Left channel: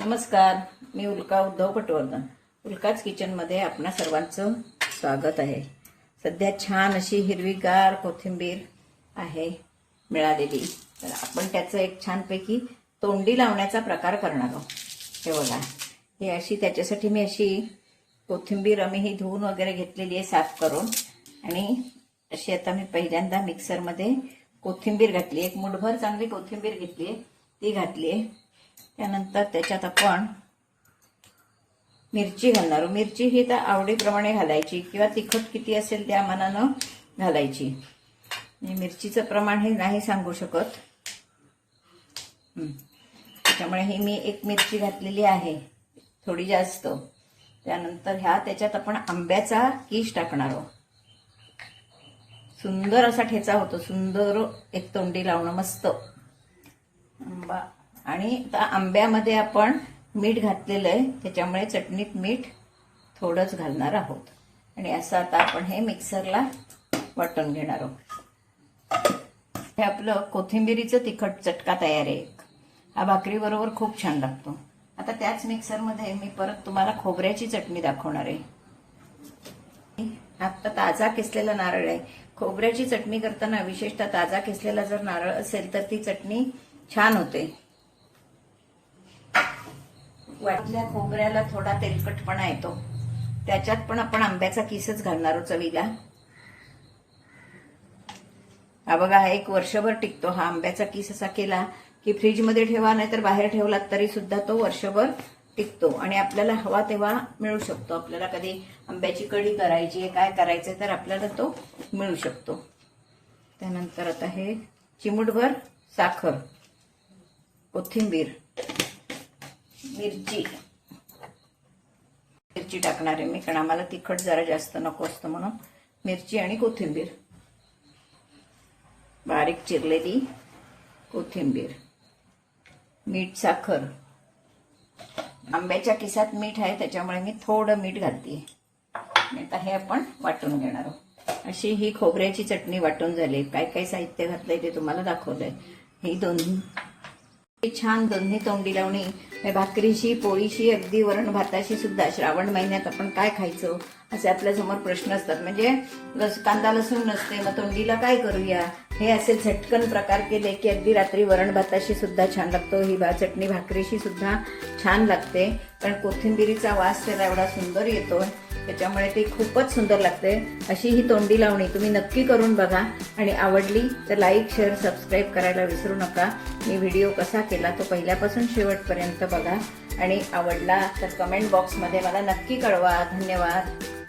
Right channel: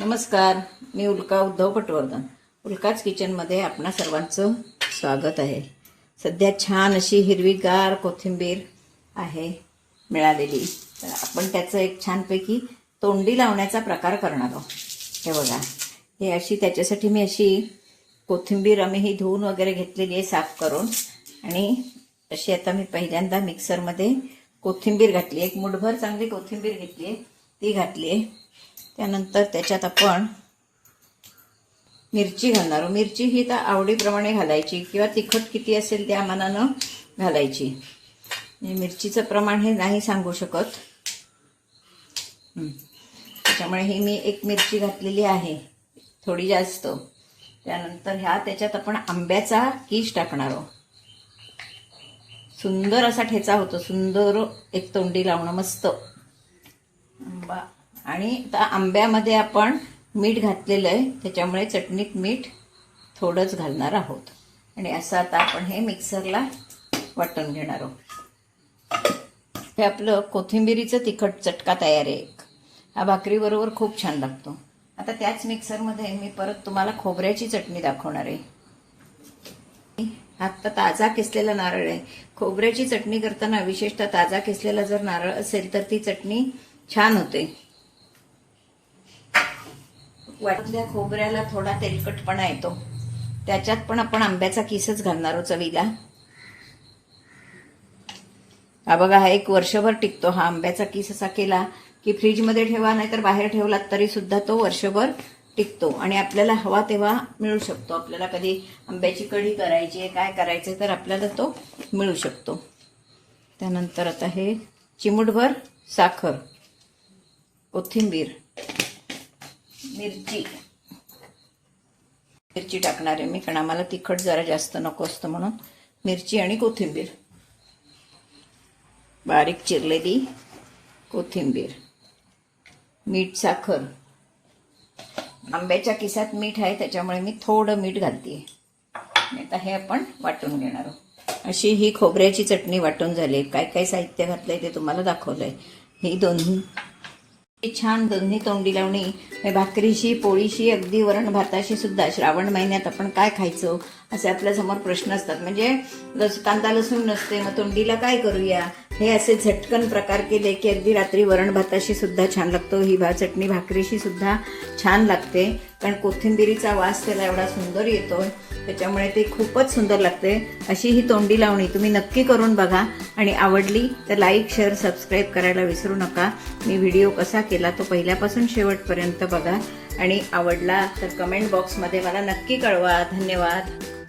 नमस्कार, मी उल्का उद्धव पटवर्धन. उल्काच किचनमध्ये आपणा सर्वांचं स्वागत आहे. सध्या छान अशी हिरवीगार कोथिंबीर आहे मिळालेली, तर आपण त्याचं एक छानपैकी तोंडी लावण्याचा प्रकार करणार आहोत. हे बघा, हे अशी त्याच्यासाठी मी अशी कोथिंबीर ही धुवून वगैरे घेतलेली आहे साफ करून. आणि अशी आता मी पहिल्यांदा मिक्सरमध्ये कोथिंबीर घातली, एक मुठभर चांगली कोथिंबीर घेतली आहे, ती घातली आहे. त्यानंतर त्याच्यात आपण मिरची घालणार. मिरची ही तर आवडीप्रमाणे घालायची किंवा तिखट किती असेल त्या मानानं घालायची. मिरचीचं प्रमाण हे नाही सांगू शकत, त्याच्यामुळे ही मी एक मिरची घातलेली आहे, थोडी जास्त. त्यानंतर त्याच्यात आपण आंब्याचा कीस टाकणार आहोत. सुंदर असा ठेचा होतो, सुंदर एक तोंडी लावणं मस्त आंबा. आणि त्या आंब्यामध्ये आपण मीठ घातलेलं आहे, त्याच्यामुळे चटणीत मीठ थोडंच घालणार आहोत. आणि असं आता आपण हे मिक्सरला वाटून घेणार आहोत. हे आपलं कोथिंबिरीचं तिखट चटका तयार आहे. हा भाकरीबरोबर खूप छान लागतो. आता त्याच मिक्सरमध्ये मी परत तुम्हाला खोबऱ्याची चटणी दाखवणार आहे. आता ताजा किसलेला नारळ आहे. खोबऱ्याची चटणी करताना विशेषतः ताजा किसलेला जर नारळ असेल तर ती चटणी छान होते. वाटल्या खोबऱ्याला थोडा तेलकटपणा येतो, त्याच्यात पण आपण आंब्याचा किसच घालणार आहोत चवीला. हा बघा, हा एक वर्षभर टिकतो. हा आंब्याचा किस असा केला की फ्रीजमध्ये ठेवा, नाहीतर बाहेर ठेवलात तरी सुद्धा तो वर्षभर टिकतो. आणि आपल्याला हवा तेव्हा मिळू शकतो. आपल्याला कधी आंब्याची कढी करायची आहे, काय करायचं, तर आपल्याला तो मिळू शकतो. त्यानंतर आता हे चिमूटभर साखर, कोथिंबीर, मिरची टाकणार आहे मी, कारण आम्हाला तिखट जरा जास्त नको असतं म्हणून. मिरची आणि कोथिंबीर, बारीक चिरलेली कोथिंबीर, मीठ, साखर. आंब्याच्या किसात मीठ आहे, त्याच्यामुळे मी थोडं मीठ घालते. आता हे आपण वाटून घेणार आहोत. अशी ही खोबऱ्याची चटणी वाटून झाली. काय काय साहित्य घातलंय ते तुम्हाला दाखवलंय. ही दोन्ही छान दोन्ही तोंडी लावणी, भाकरीशी, पोळीशी, अगदी वरण भाताशी सुद्धा. श्रावण महिन्यात आपण काय खायचं असे आपल्या समोर प्रश्न असतात. म्हणजे कांदा लसूण नसते, मग तोंडीला काय करूया, हे असे झटकन प्रकार केले की अगदी रात्री वरण भाताशी सुद्धा छान लागतो. ही चटणी भाकरीशी सुद्धा छान लागते, कारण कोथिंबिरीचा वास त्याला एवढा सुंदर येतो, त्याच्यामुळे ते खूपच सुंदर लागते. अशी ही तोंडी लावणी तुम्ही नक्की करून बघा. आणि आवडली तर लाईक, शेअर, सबस्क्राईब करायला विसरू नका. मी व्हिडिओ कसा केला तो पहिल्यापासून शेवटपर्यंत बघा. आणि आवडला तर कमेंट बॉक्समध्ये मला नक्की कळवा. धन्यवाद.